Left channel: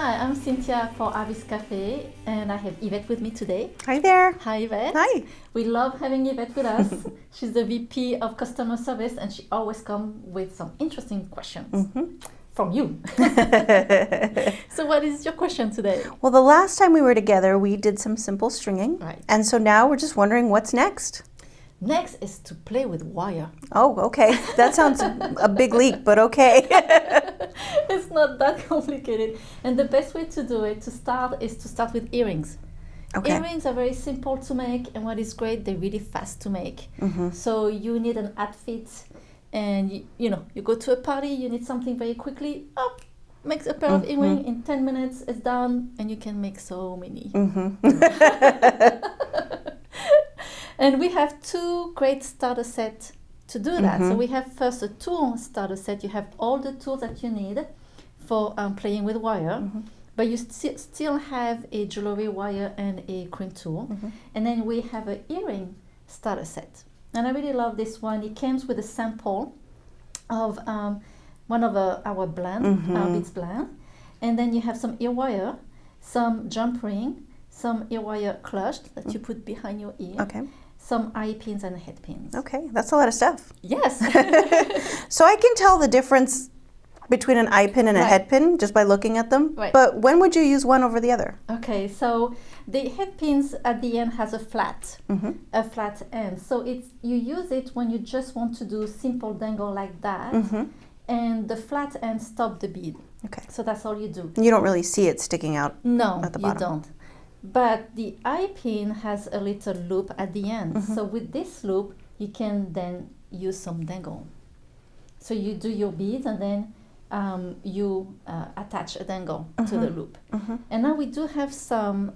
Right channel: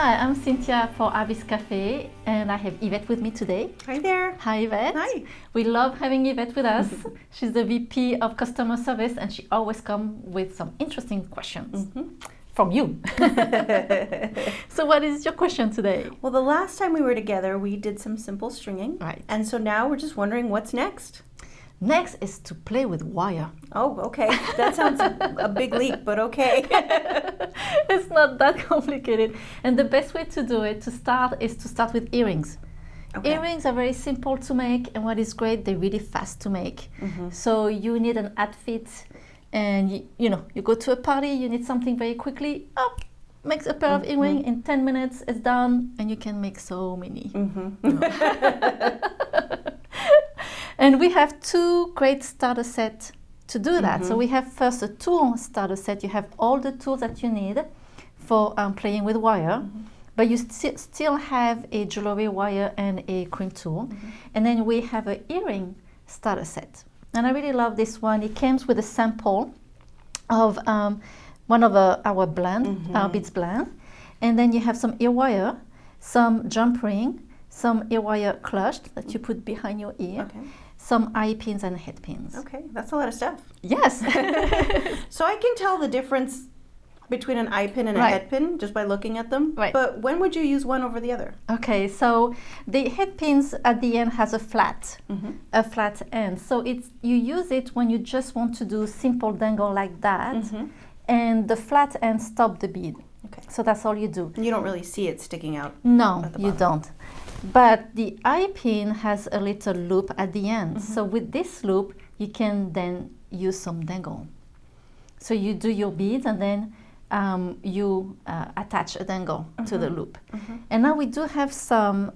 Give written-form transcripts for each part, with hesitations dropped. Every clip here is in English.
Hi, I'm Cynthia for Avis Cafe, and I have Yvette with me today. Hi there. Hi, Yvette. Hi. We love having Yvette with us. She's the VP of Customer Service, and she always comes with some interesting questions from you. So what is your question today? Well, the last time we were together, we did some simple stringing. Right. And so now we're just wondering what's next. Next is to play with wire. Oh, okay. That sounds a big leap, but okay. It's not that complicated. And the best way to do it, is to start with earrings. Okay. Earrings are very simple to make, and what is great, they're really fast to make. So you need an outfit, and you go to a party, you need something very quickly. Make a pair of earrings in 10 minutes, it's done, and you can make so many. And we have two great starter sets to do that. So we have first a tool starter set. You have all the tools that you need for playing with wire, but you still have a jewelry wire and a cream tool. And then we have an earring starter set. And I really love this one. It comes with a sample of one of our blend, Artbeads blend. And then you have some ear wire, some jump ring, some ear wire clutched that you put behind your ear. Okay. Some eye pins and head pins. Okay, that's a lot of stuff. Yes. So I can tell the difference between an eye pin and a head pin just by looking at them. Right. But when would you use one over the other? Okay, so the head pins at the end has a flat end. So you use it when you just want to do simple dangle like that, and the flat end stop the bead. Okay. So that's all you do. You don't really see it sticking out. No, at the you bottom. don't. But the eye pin has a little loop at the end. So with this loop, you can then use some dangle. So you do your beads and then you attach a dangle to the loop. And now we do have some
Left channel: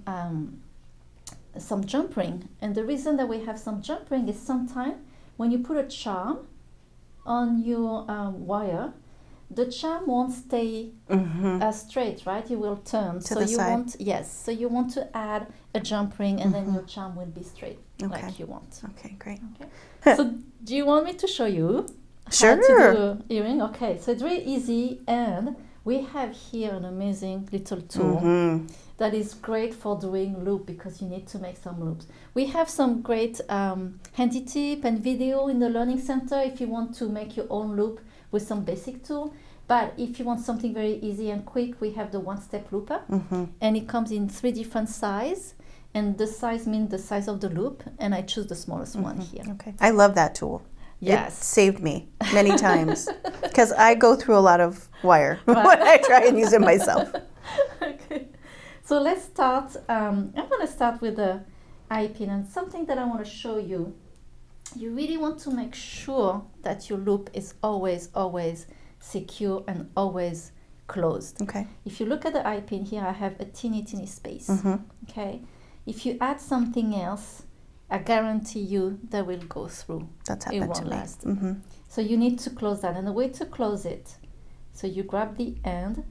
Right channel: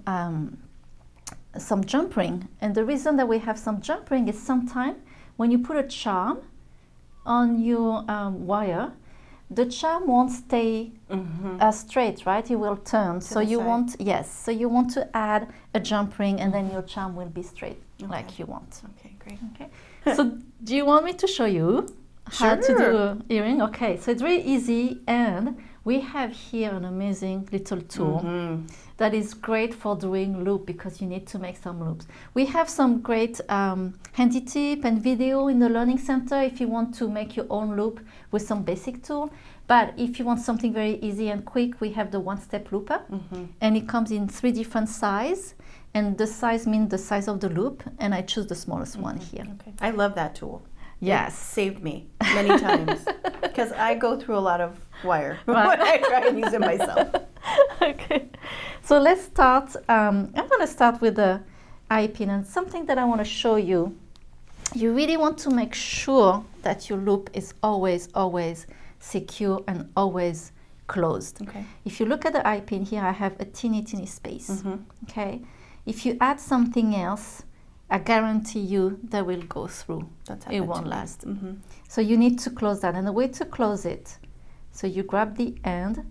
jump ring. And the reason that we have some jump ring is sometimes when you put a charm on your wire, the charm won't stay straight, right? It will turn. To the side. So you want to add a jump ring, and then your charm will be straight like you want. Okay, great. Okay. So do you want me to show you how to do earring? Okay. So it's really easy, and we have here an amazing little tool that is great for doing loop because you need to make some loops. We have some great handy tip and video in the Learning Center if you want to make your own loop with some basic tool. But if you want something very easy and quick, we have the one-step looper, and it comes in 3 different sizes, and the size means the size of the loop, and I choose the smallest one here. Okay. I love that tool. Yes. It saved me many times because I go through a lot of wire when I try and use it myself. Okay. So let's start. I'm going to start with the eye pin, and something that I want to show you. You really want to make sure that your loop is always secure and always closed. Okay. If you look at the eye pin here, I have a teeny space. Okay. If you add something else, I guarantee you that will go through. That's it happened won't to me. last. So you need to close that, and the way to close it, so you grab the end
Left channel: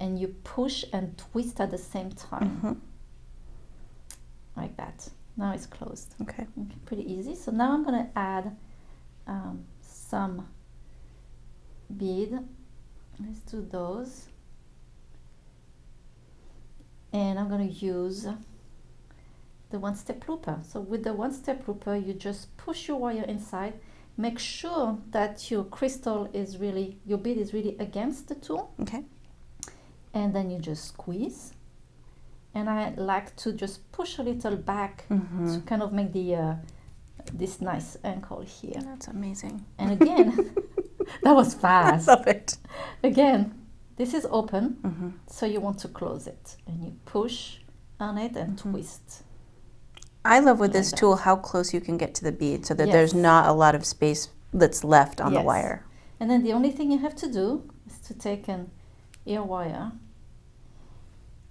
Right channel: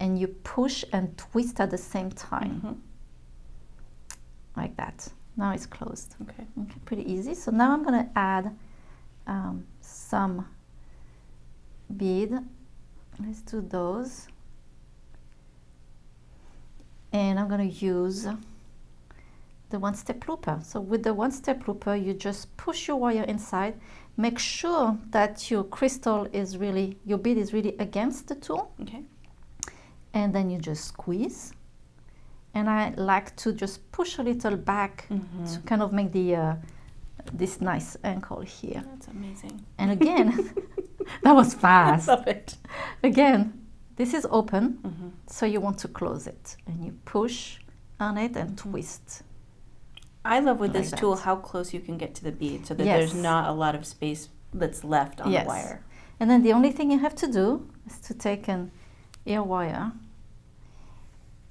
and you push and twist at the same time, like that. Now it's closed. Okay. Pretty easy. So now I'm going to add some bead. Let's do those. And I'm going to use the one-step looper. So with the one-step looper, you just push your wire inside. Make sure that your your bead is really against the tool. Okay. And then you just squeeze. And I like to just push a little back to kind of make this nice ankle here. That's amazing. And again, that was fast. I love it. Again, this is open, so you want to close it. And you push on it and twist. I love with Like this that. tool how close you can get to the bead so that Yes. there's not a lot of space that's left on the wire. And then the only thing you have to do is to take an ear wire,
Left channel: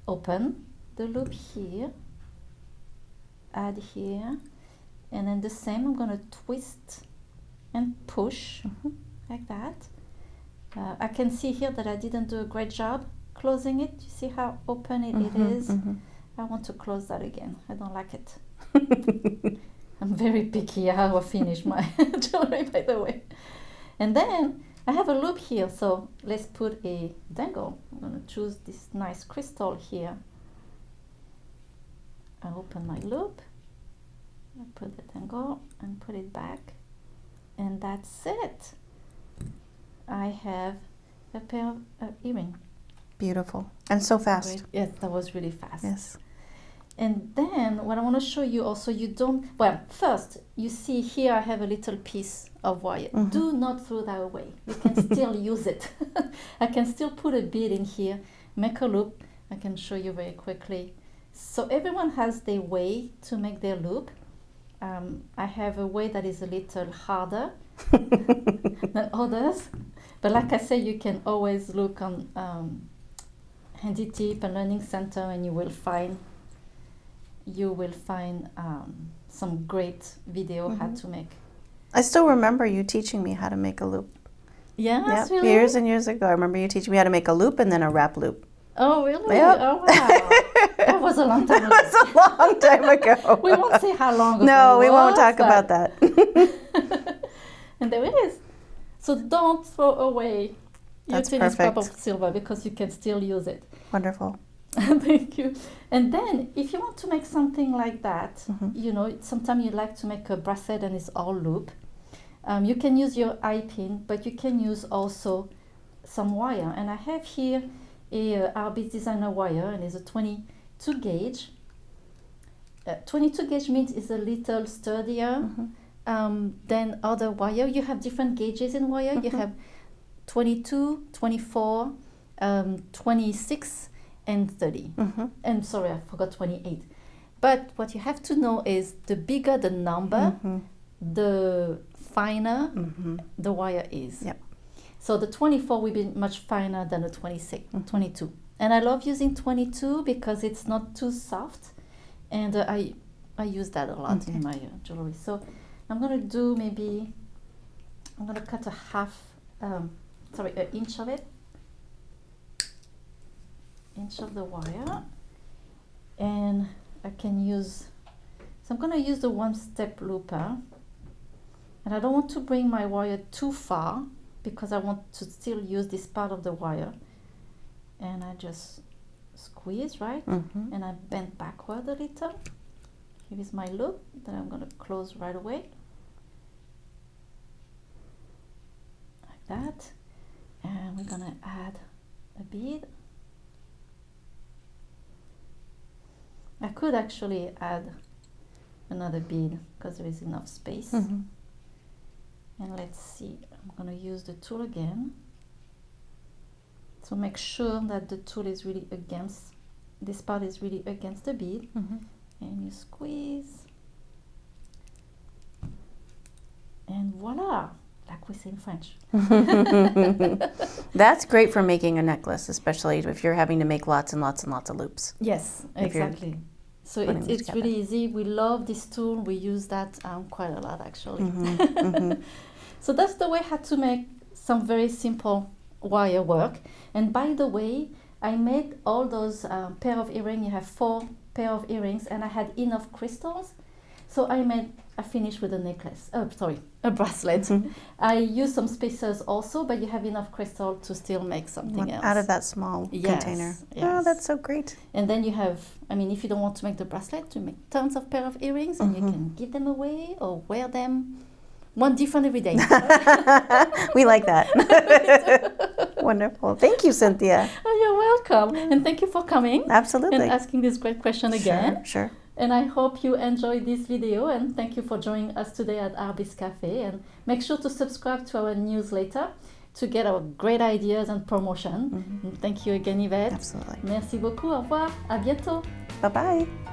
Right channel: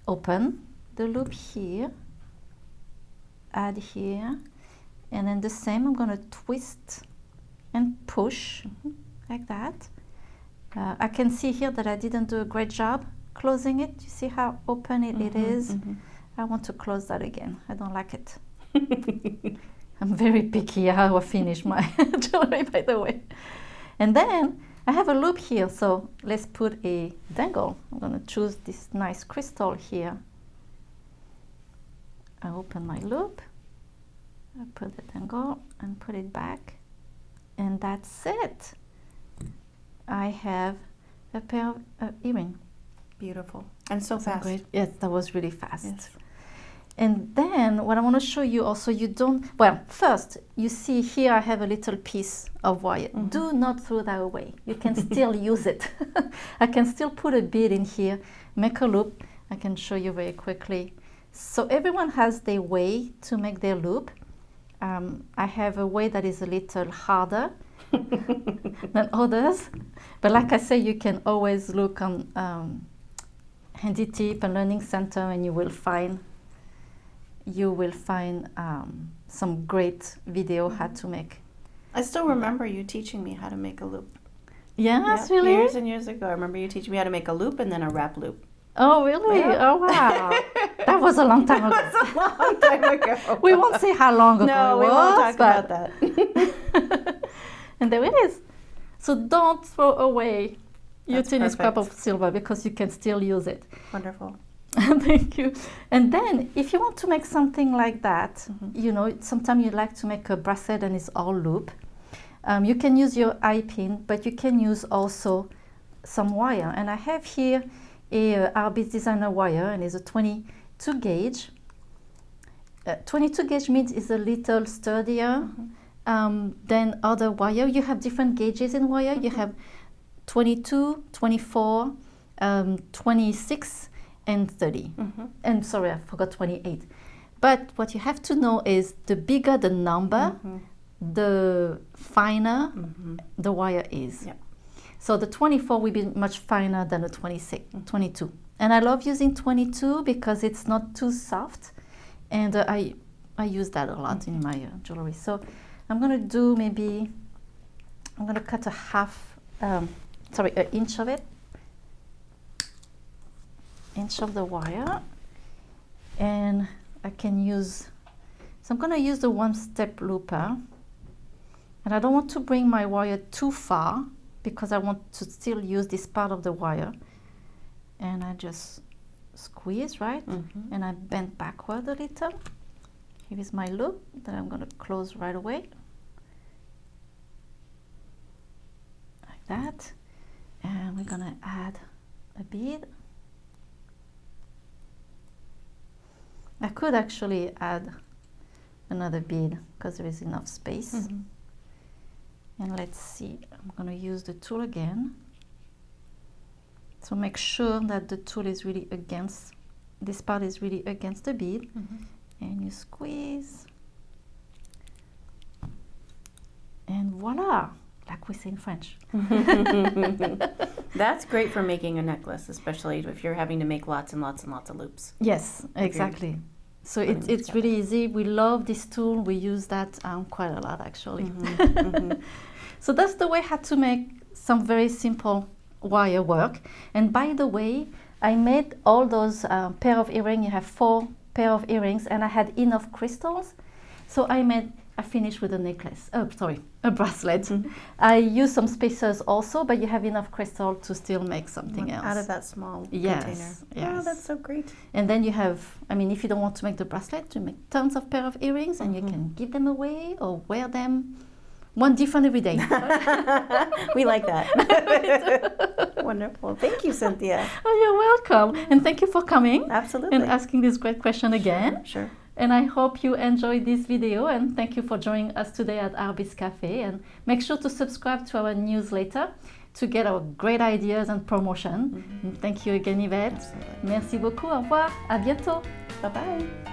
open the loop here, add here, and then the same, I'm going to twist and push like that. I can see here that I didn't do a great job closing it. You see how open it is? I want to close that again. I don't like it. I'm very picky how I finish my jewelry, by the way. And then I have a loop here, so let's put a dangle. I'm going to choose this nice crystal here. I open my loop, I put the dangle and put it back, and that's it. I have a pair of earrings. Beautiful. And so fast. Great. Yes, that was really fast. Yes. And then what I want to show you also, you don't, well, first, you see here I have a little piece of wire. Mm-hmm. Do not throw that away. You can still use it. I can still put a bead in here, make a loop. I can show you very quickly. So everyone has their way to make their loop. I have a way that is a little harder than others. But like I say, you can always look on Handy Tip and Learning Center, and you will find some great video how to make. I still remember you teaching me how to make a loop. Yes, Yep. really? Years and years ago. I remember you teaching me how to make a loop and then a wrap loop. Oh, really? Yep. Oh, wow. That was a long time ago. That was a long time ago. We won't say how long ago. No, we won't was, talk but- about that. And there it is. So don't throw away your That's tennis cup perfect. of silver, because you can still use it. Wonderful. Thank you. And then if you want to make something like that, Mm-hmm. you know, sometimes you like to make a bracelet and it's all loop. You can use your eye pin, but you can use also some wire. And I have here a Artbeads designer wire, and it's a 22 gauge. 22 gauge means it's a little sturdier than other wire. You have different gauges in wire. You have 22, 24, 26, and 30. And sorry, I forgot 28. But what you have to know is the bigger the number, the finer the wire is. Yep. So the 24 will be much finer than the 26, 22. And I love using 22 because it's not too soft. And I use that a lot in my jewelry. So I'm going to do I'm going to cut an inch of it. Inch of the wire. And I can use, so I'm going to use the one-step looper. And I don't want to bring my wire too far because I want to still use this part of the wire. And I just squeeze, right? And I bend backward a little. Here is my loop that I'm going to close right away. Like that. And we're going to add a bead. I could actually add another bead because there is enough space. And let's see, I'm going to use the tool again. So make sure that the tool is really against, this part is really against the bead. And you squeeze. And voila, like we say in French. That's great for making a necklace, especially if you're having to make lots and lots and lots of loops. Yes, exactly. So putting them it's together. really easy. We love this tool. We use that quite a lot, actually. So that's the way how to make some very simple wire work. And by the way, I made all those pair of earrings. You have 4 pair of earrings, and I had enough crystals. So I finished with a necklace. Oh, sorry, a bracelet. I used some spacers also, but you have enough crystal to still make something else. Out of that small Yes, container. Oh, yes. that's so great. And then you have, I mean, if you don't want to make the bracelet, you make tons of pair of earrings, and you can give them away or wear them one different every day. We like that. Wonderful. Thank you, Cynthia. Oh, you're welcome. And thank you for coming Absolutely. and asking this great question again. Sure. And I hope you enjoyed this video, and thank you for joining us today at Artbeads Cafe. And make sure to subscribe to our newsletter to get our great ideas and promotion. And thank you again, Yvette. Absolutely. Merci beaucoup. Au revoir. À bientôt. Bye-bye.